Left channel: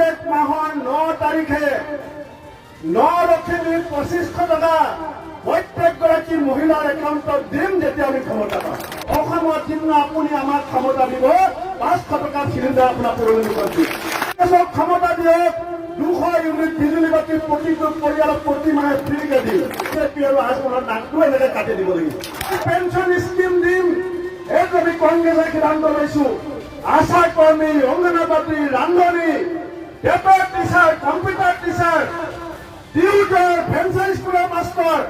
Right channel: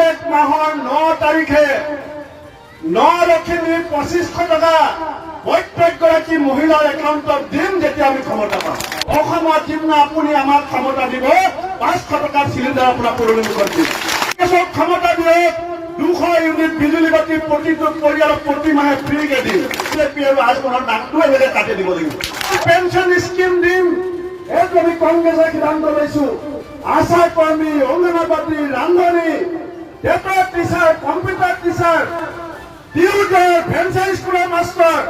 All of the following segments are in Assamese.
প্ৰত্যেক মাহৰ 9 তাৰিখে নলক্ষীৰ 2500 টকা প্ৰত্যেকগৰাকী মহিলাৰ একাউণ্টত দিম যেতিয়া আমি ক্ষমতা পাম। অসমত যিদিনা আপুনি আমাক ক্ষমতা দিব 500 টকাৰ চিলিণ্ডাৰ আপোনাক পৰিণত দিম। ক্ষমতা দিয়ক 200 ইউনিট বিজুলী বাতি প্ৰতিটো পৰিয়ালক প্ৰতি মাহে ফ্ৰীকে দিম। বিজেপি আৰু আজমলৰ নামটো এনেকে কাটি দিব লাগিব। পেঞ্চন স্কিম দিম, এইটো আমি কংগ্ৰেছে সিদ্ধান্ত লৈছো। আশা কৰ্মী, অংগনবাদী, ৰান্ধনী, টেটৰ টিচাৰ, কম্পিউটাৰ টিচাৰ, টিউটৰ, ফেঞ্চাৰী স্কুলৰ মাষ্টৰ,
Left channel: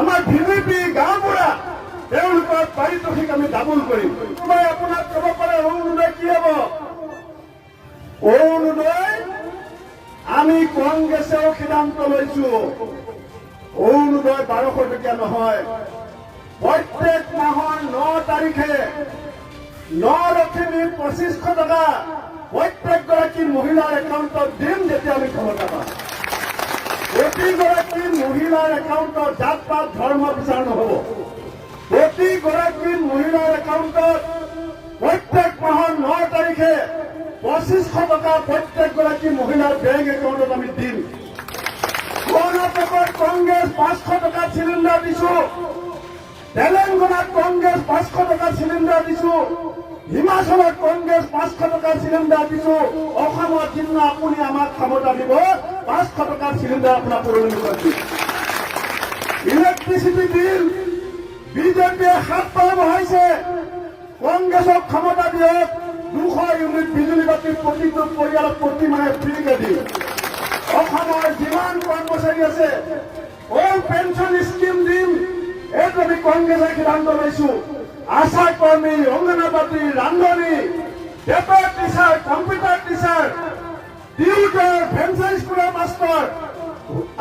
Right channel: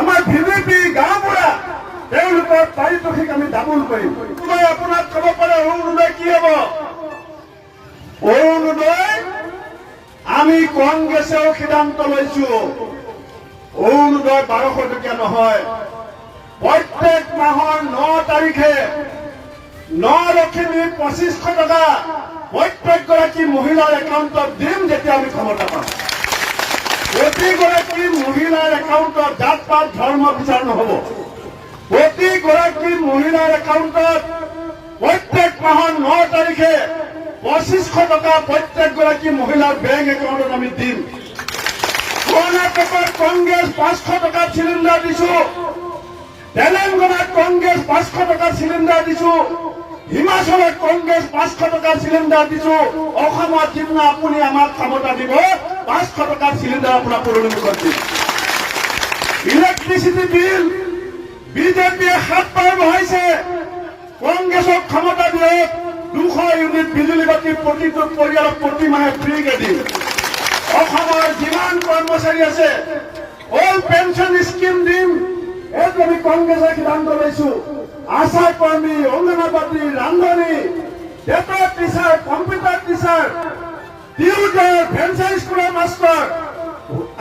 আমাৰ ভিভিপি গাঁওবুঢ়া, তেওঁলোকৰ পাৰিতোষিক আমি ডাবল কৰিম। মই আপোনাক ক'ব পাৰে অৰুণোদয় কি হ'ব? অৰুণোদয় আমি কংগ্ৰেছেও সিদ্ধান্ত লৈছো, অৰুণোদয় 1200 টকীয়া নহয়, প্ৰত্যেক মাহৰ 9 তাৰিখে নলক্ষীৰ 2500 টকা প্ৰত্যেকগৰাকী মহিলাৰ একাউণ্টত দিম যেতিয়া আমি ক্ষমতা পাম। প্ৰতিগৰাকী মহিলাৰ একাউণ্টত জাত পাত ধৰ্ম বিচাৰ নহ'ব। প্ৰতিগৰাকী মহিলাৰ একাউণ্টত প্ৰত্যেক মাহৰ 9 তাৰিখে 2500 টকা প্ৰত্যেকগৰাকী মহিলাৰ বেংক একাউণ্টত আমি দিম। কৰ্ণাটকত কংগ্ৰেছ 500 টকা চিলিণ্ডাৰ দিছো, তেলেংগানাত কংগ্ৰেছ 500 টকা চিলিণ্ডাৰ দিছো, হিমাচলত কংগ্ৰেছ 500 টকা চিলিণ্ডাৰ দিছো। অসমত যিদিনা আপুনি আমাক ক্ষমতা দিব 500 টকাৰ চিলিণ্ডাৰ আপোনাক পৰিণত দিম। ইলেক্ট্ৰিচিটি বিল বিজেপিয়ে 7 বাৰ বঢ়াইছে, কংগ্ৰেছক ক্ষমতা দিয়ক 200 ইউনিট বিজুলী বাতি প্ৰতিটো পৰিয়ালক প্ৰতি মাহে ফ্ৰীকে দিম। অসমৰ যিমান কৰ্মচাৰী আছে অল পেঞ্চন স্কিম দিম, এইটো আমি কংগ্ৰেছে সিদ্ধান্ত লৈছো। আশা কৰ্মী, অংগনবাদী, ৰান্ধনী, টেটৰ টিচাৰ, কম্পিউটাৰ টিচাৰ, টিউটৰ, ফেঞ্চাৰী স্কুলৰ মাষ্টৰ,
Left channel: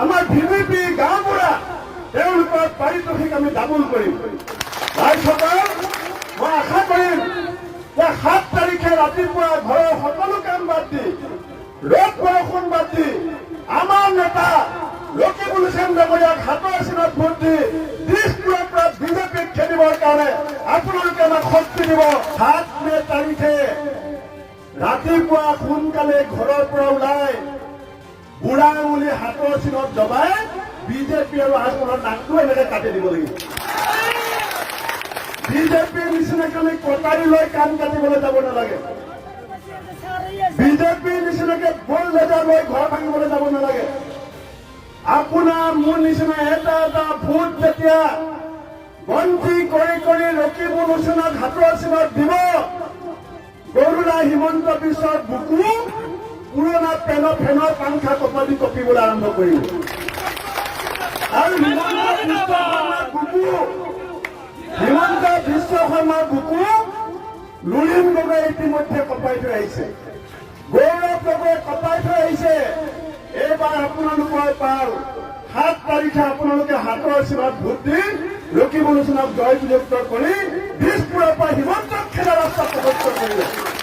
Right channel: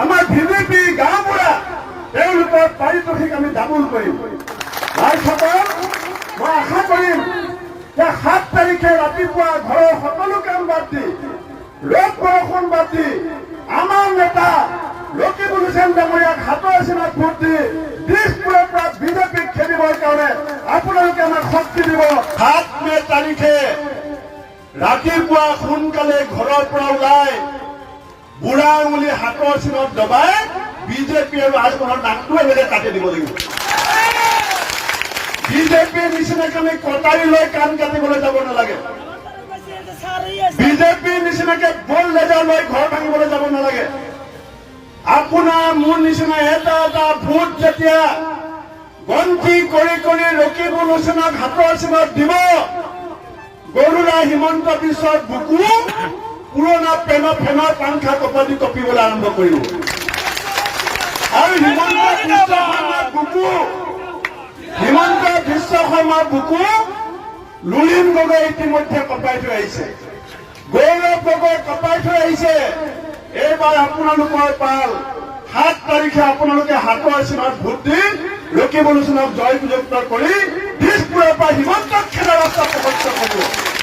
আমাৰ ভিভিপি গাঁওবুঢ়া, তেওঁলোকৰ পাৰিতোষিক আমি ডাবল কৰিম। ৰাইজসকল, মই আশা কৰিম যে 7 তাৰিখে ৰাতিপুৱা ঘৰৰ সকলো কাম বাদ দি, ৰ'দ বৰষুণ বাদ দি, আমাৰ নেতা ৰকিবুল হুছেইন ডাঙৰীয়াক হাতৰ চিনত ভোট দি দিশপুৰৰ পৰা বিজেপিক খেলিবৰ কাৰণে আপোনালোকে আমাক শক্তি দিব। 7 মে তাৰিখে ৰাতিপুৱা সোনকালে ঘৰৰ পৰা ওলাই বুঢ়া আঙুলি হাতৰ চিনত দবাই বিজেপি আৰু আজমলৰ নামটো এনেকে কাটি দিব লাগিব। বিজেপিৰ নিচিনাকে আমি কটাৰী লৈ কাণ কাটিবলৈ যাব নালাগে। বিজেপিৰ নিচিনাকে বল লেজাৰ লৈ ঘৰ ভাঙিবলৈ যাব নালাগে। আপোনাৰ মোৰ নিচিনা এটা এটা ভোট যেতিয়া গন্তি কৰি কৰি ৰকিবুল হুছেইনক হাতৰ চিনত দিব, গৰুড়া হিমন্ত বিশ্বৰ বুকু পুৰণা ফেনৰ পাংখা কপালি কঁপিবলৈ আৰম্ভ কৰিব। আৰু হিমন্ত বিশ্ব শৰ্মাৰ বুকু লুলিন গগৈ ইতিমধ্যে কঁপাই থৈ আহিছে, গৌৰৱ গগৈ কঁপাই থৈ আহিছে। এইবাৰ আপোনালোকৰ পাল 7 তাৰিখে আপোনালোকে হাতৰ চিনত ভোট দি ৰকিবুল হুছেইনক জয় বিজয়ী কৰি দিশপুৰৰ পৰা হিমন্ত খেলৰ ৰাস্তা প্ৰকট কৰিব।